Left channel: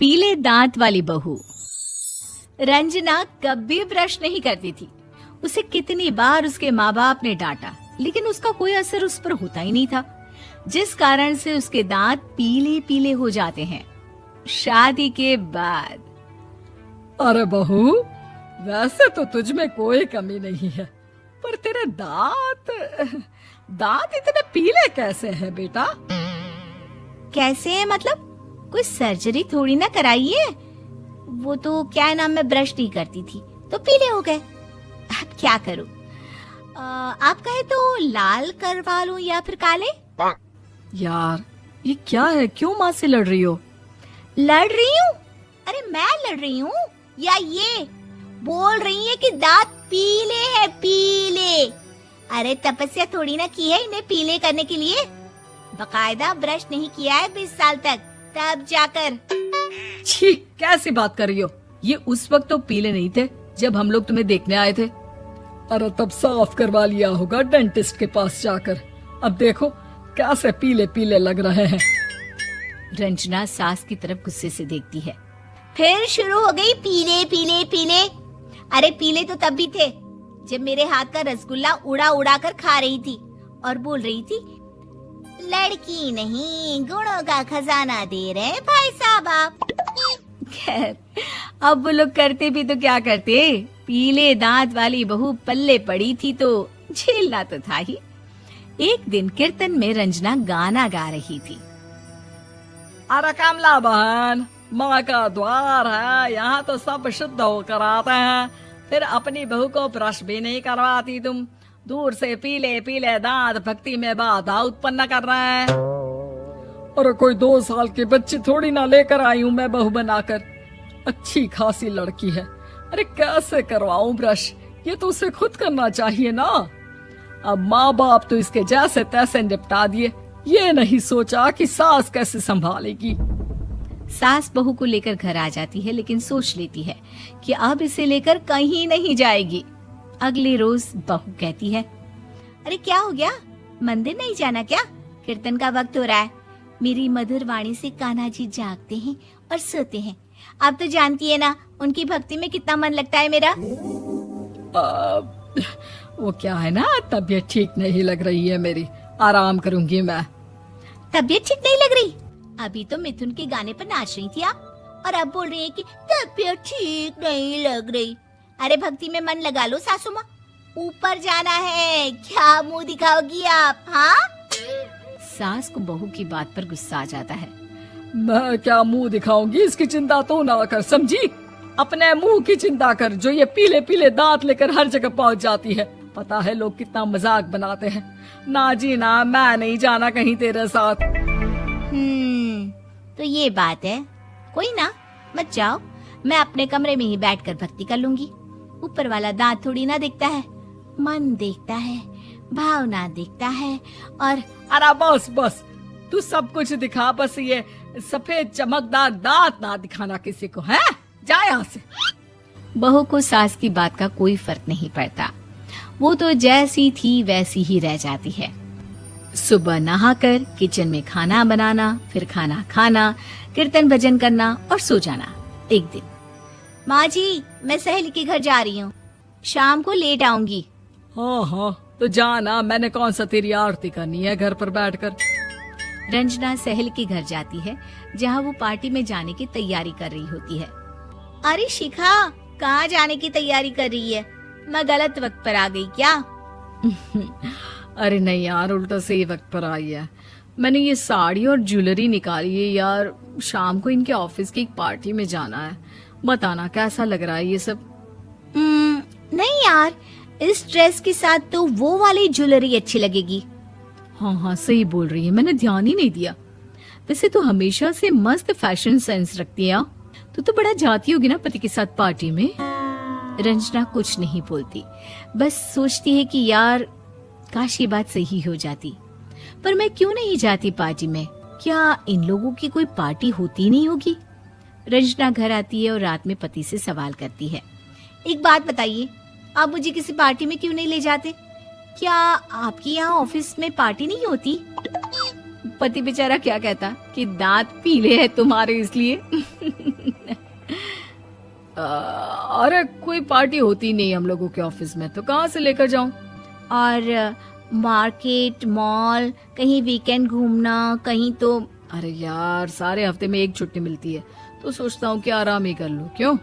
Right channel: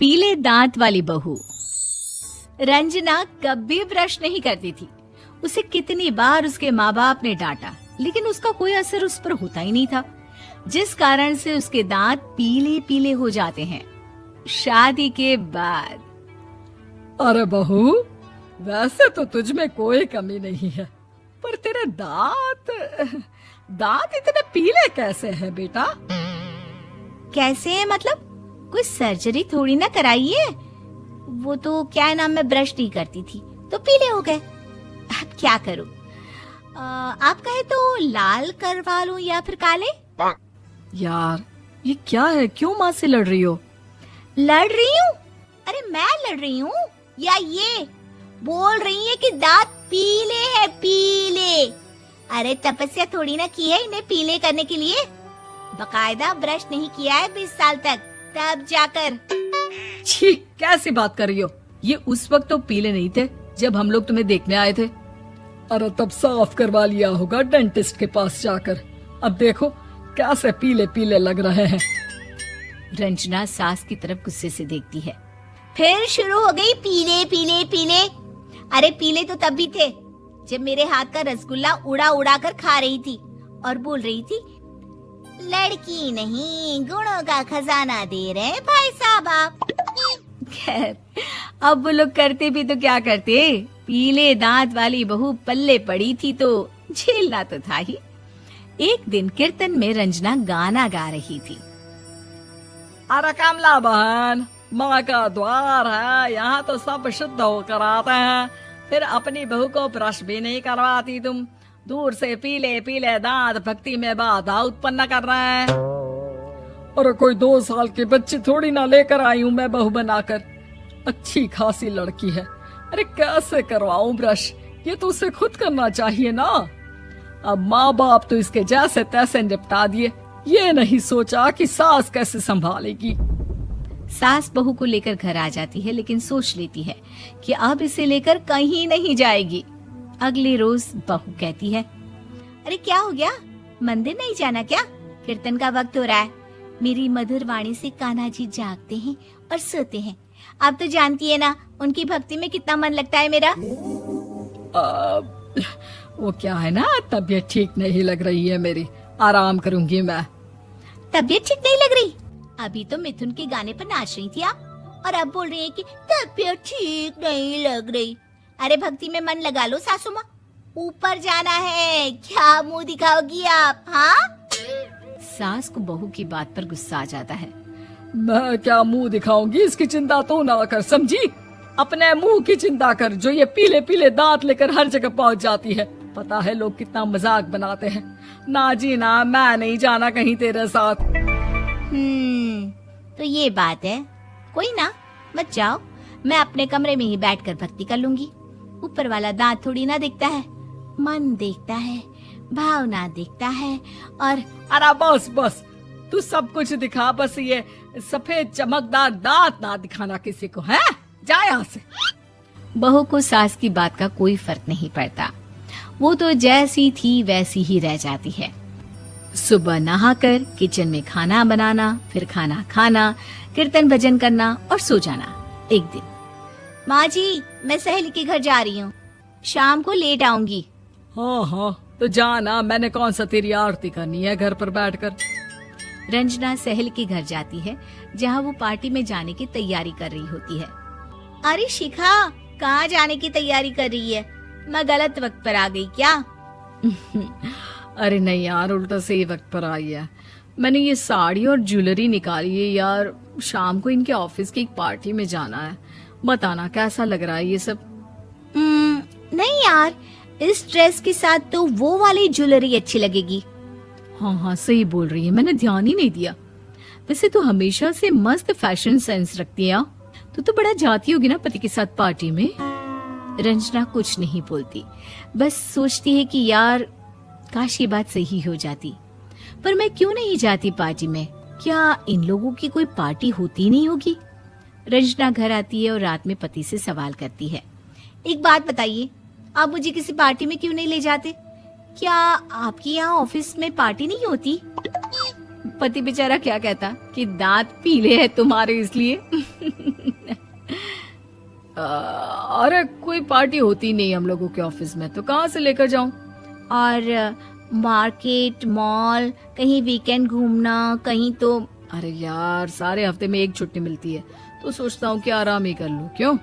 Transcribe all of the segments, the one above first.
पीले दांत वाली बहू। रंजना कभी ब्रश नहीं करती थी। उसे कितनी बार उसके माँ बाप ने डांटा, लेकिन उसका कोई असर उस पर होता ही नहीं था, जिस कारण से उसके दांत पीले पीले हो जाते हैं। शादी के बाद अरे बहू, वैसे तो तुझ में कोई कमी नहीं है, पर तेरे दांत इतने पीले कैसे हैं बेटा? कैसे मतलब? कोई सर्जरी थोड़ी ना कराई है। वो तो क्या नाम, मैं ब्रश नहीं करती थी तो पीले हो गए। अब क्या करूं? आप कहें तो लाल करवा लूं या फिर काले? यार ये क्या है, क्यों माँ से लड़ रही हो? लड़ रही हूँ? अरे मैं लड़ रही हूँ या ये बोल रही है कि दांत पीले हैं, पीले। अरे तपस्या थोड़ी ना की है इन्हें पीले करने के लिए। बकायदा ब्रश नहीं किया है 20 साल तक, तब जाकर। छी, कैसी बात कर रही हो? ये उस वक्त तो पीले नहीं थे जब हम लोग तुम्हें देखने आए थे। अरे तब साफ करवा लिया होगा डेंटिस्ट के पास जाकर। अब देखो कैसे पीले पीले लग रहे हैं। रंजना सास की तरफ गुस्से से देखती है। फिर शुरू हो गई पीले पीले पीले। अरे पीले तो तब भी थे जब मेरे हाथ का रसगुल्ला उड़ा उड़ा कर खा रही थी और बोल रही थी, लड़की नहीं गुणों का खजाना दे रहे भाई साहब आप। खैर, अब वो लोग करते भी तो क्या करते, पीले दांत वाली बहू पल्ले पड़ी थी तो झेलना तो था ही। एक दिन कीर्तन में रंजना गाना गा रही थी। अरे कमला बहन, माँ का द्वार है, यहाँ तो सब शुद्ध होकर आते हैं, फिर अपनी बहू को ब्रश भी नहीं करवाती तुम। दूर से पीले पीले दांत भक्ति में बाधा उत्पन्न कर रहे हैं। अरे कोई 2 साल के बच्चे थोड़ी ना लेकर आई हूँ मैं बहू बनाकर। अच्छी खासी लड़की है, अरे कैसे करवाऊं ब्रश? ये तो उसे खुद करना चाहिए ना। अब माँ बाप तो इसके जैसे तैसे निपटा दिए, ये नहीं सोचा कि सास कैसे संभालेगी। सास बहू को लेकर घर आ जाती है, लेकिन सोच लेती है कि अब इसे लेकर कहीं नहीं जाएगी। अगले रोज बहू कहती है, अरे क्या हो गया, मंदिर नहीं जाना क्या? कीर्तन का वक्त हो रहा है। मेरी मधुर वाणी से कान्हा जी जागते हैं और सोते हैं। आप तो जानती है ना उनकी भक्ति में कितना मन लगता है मेरा। वो क्या है ना, तबीयत ठीक नहीं लग रही है मेरी, आराम करूंगी मैं। तबीयत ठीक नहीं लग रही? अभी तो मिथुन के गाने पर नाच रही थी आप, और अब बोल रही है कि तबीयत ठीक नहीं लग रही। अरे भक्ति में मन लगा लो सासू माँ, ऊपर जाना है, क्या मुंह दिखाओगी आप? हाँ? सास को बहू की बात पर गुस्सा आ जाता है। मैं क्या मुंह दिखाऊंगी, इसकी चिंता तो ना कर, समझी? अपने मुंह की चिंता कर, जो ये पीले पीले दांत लेकर हर जगह पहुंच जाती है। पता है लोग कितना मजाक बनाते हैं। ना जी ना, मैं नहीं जाना कहीं तेरे साथ। तो ये बात है। कोई ना, मत जाओ, मैं अपने कमरे में ही बैठकर भक्ति कर लूंगी। ऊपर वाला दांत थोड़ी ना देखता है, मन देखता है, भावना देखता है। और अरे बस बस, तू सब कुछ दिखा, बस ये सफेद चमकदार दांत ना दिखाना किसी को, है? जा यहाँ से। बहू को सास की बात का कोई फर्क नहीं पड़ता, वो तो जैसी थी वैसी ही रह जाती है। सुबह नहाकर किचन में खाना बनाना, फिर खाना खाना, कीर्तन भजन करना और सो जाना। एक दिन, माँ जी मैं सहेली के घर जा रही हूँ, शाम को लेट आऊंगी। हाँ हाँ तो जाना, मैंने कौन सा तेरी आरती करनी है घर पर बैठकर। रंजना सहेली के घर जाती है, जहाँ वो पार्टी में जाने की तैयारी कर रही होती है। अरे शिखा, कहाँ जाने की तैयारी कर रही है? मैं गलत वक्त पर आ गई क्या? अरे नहीं यार, उल्टा सही वक्त पर आई है। मैंने ये साड़ी और ज्वेलरी निकाली है यार, शाम को इनके ऑफिस की एक पार्टी में जाना है। बताना कैसा लग रहा है ये सब? नहीं यार, इस ड्रेस के साथ तो वो वाली ज्वेलरी अच्छी लगेगी। हाँ हाँ सही बोल रही है, मैंने ध्यान ही नहीं दिया। वैसे तो हमेशा से मस्त फैशन सेंस रखती है। तो बड़ा जाती होगी ना पति के साथ पार्टी में। रंजना कुछ नहीं बोलती, बस सोचती है कि यार काश ये बात सही हो जाती, पर मैं क्यों नहीं जाती पार्टी में? क्या इन लोगों की कोई पार्टी होती नहीं होगी? रंजना घर आती है और रात में पति से सवाल करती है, एक बात बताइए, आप मुझे किसी पार्टी में क्यों नहीं ले जाते? क्या आपकी यहाँ ऑफिस में पार्टी नहीं होती? पति बेचारा क्या कहता कि दांत पीले हैं तुम्हारे इसलिए। अरे कोई पार्टी होती नहीं हम लोगों के ऑफिस में, तो कहाँ से लेकर जाऊं? और मार्केट, मॉल, कहीं वीकेंड घूमना, कहीं तो। अरे यार सारे हफ्ते में एक छुट्टी मिलती है, तो सोचता हूँ कि आराम ही कर लूं। क्यों?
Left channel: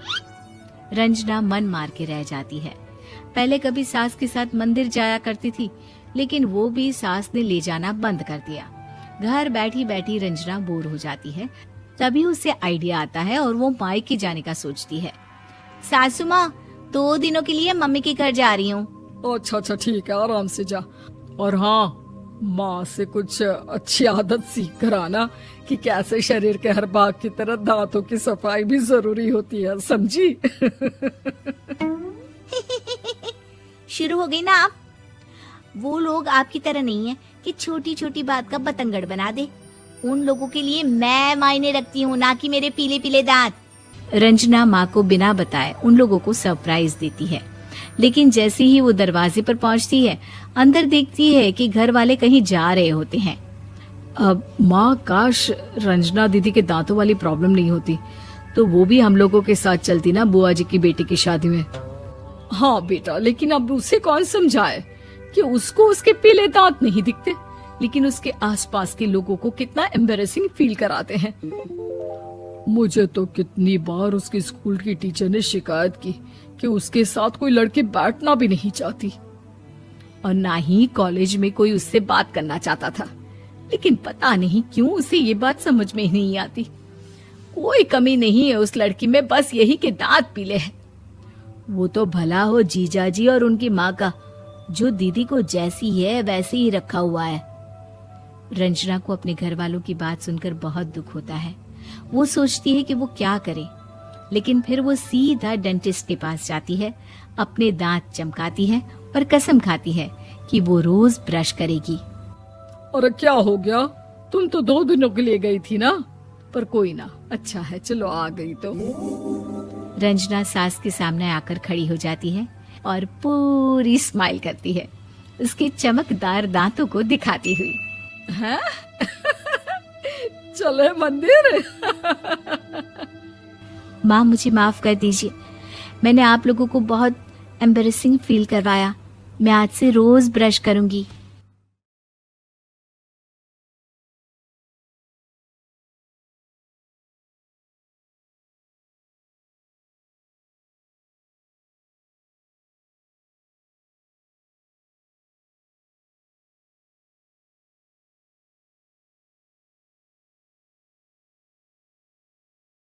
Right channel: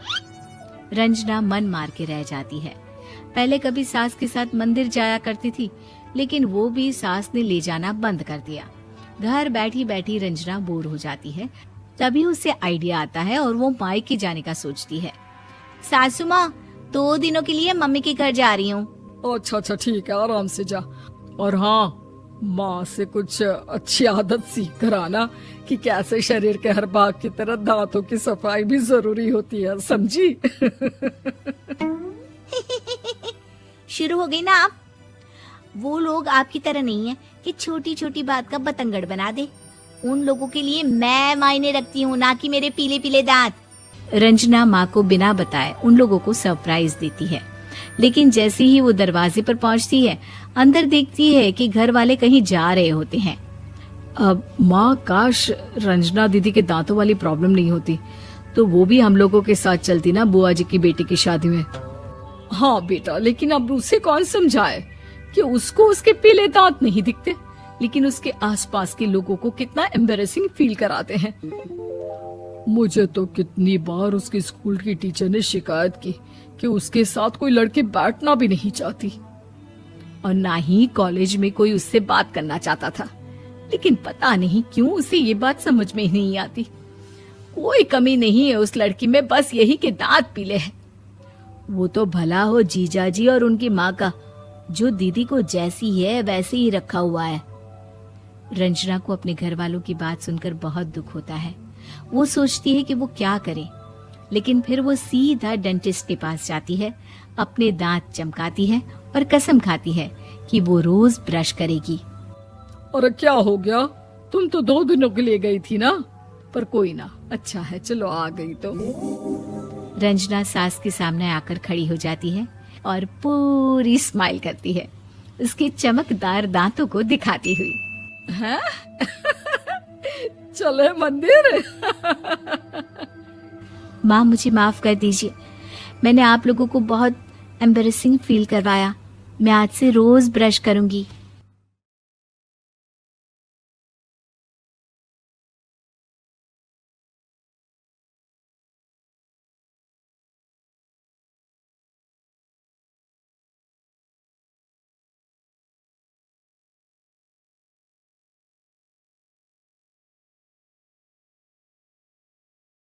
रंजना मन मार के रह जाती है। पहले कभी सास के साथ मंदिर जाया करती थी, लेकिन वो भी सास ने ले जाना बंद कर दिया। घर बैठी बैठी रंजना बोर हो जाती है। तभी उसे आइडिया आता है और वो मायके जाने का सोचती है। सासू माँ, 2 दिनों के लिए मम्मी के घर जा रही हूँ। अच्छा ठीक है, आराम से जा। और हाँ, माँ से कुछ अच्छी आदत सीख कर आना कि कैसे शरीर के हर भाग की तरह दांतों की सफाई भी जरूरी होती है, समझी? शुरू हो गई ना आप। वो लोग आपकी तरह नहीं है कि छोटी छोटी बात का बतंगड़ बना दे। उन लोगों के लिए मैं मायने रखती हूँ, ना कि मेरे पीले पीले दांत। रंजना माँ को बिना बताए उन लोगों को सरप्राइज देती है, लेकिन जैसे ही वो दरवाजे पर पहुंचती है, अंदर देखती है कि घर वाले कहीं जा रहे होते हैं। अब माँ, काश रंजना दीदी के दांतों वाली प्रॉब्लम नहीं होती, तो वो भी हम लोगों के साथ चलती ना बुआ जी की बेटी की शादी में। हाँ बेटा, लेकिन अब उसे कौन समझाए कि उसको उसके पीले दांत नहीं दिखते, लेकिन उसके आसपास के लोगों को कितना एम्बैरेसिंग फील कराते हैं। मुझे तो कितनी बार उसके स्कूल की टीचर ने शिकायत की कि उसके साथ कोई लड़की बैठना भी नहीं चाहती, और ना ही कॉलेज में कोई उससे बात करना चाहता था। लेकिन पता नहीं क्यों उसे ये बात समझ में ही नहीं आती। कोई कमी नहीं है उस लड़की में, बस यही कि दांत पीले हैं। वो तो भला हो जीजा जी और उनकी माँ का, जो दीदी को जैसी है वैसे ही रखा हुआ है। रंजना को अपने घर वालों की बात सुनकर बहुत दुख होता है। वो सोचती है कि वो क्या करे, लेकिन फिर वो सीधा डेंटिस्ट के पास जाती है, अपने दांत चमकाती है और कसम खाती है कि वो रोज ब्रश करेगी। अरे क्या हो गया? तुम तो 2 दिनों के लिए गई थी ना, पर कोई ना, अच्छा है, चलो आ गई तो। रंजना सास के सामने आकर खड़ी हो जाती है और पूरी स्माइल करती है, उसके चमकदार दांतों को दिखाती हुई। हैं? चले मंदिर। माँ, मुझे माफ कर दीजिए, मैंने आप लोगों को बहुत एम्बैरेसिंग फील करवाया। मैं आज से रोज ब्रश करूंगी।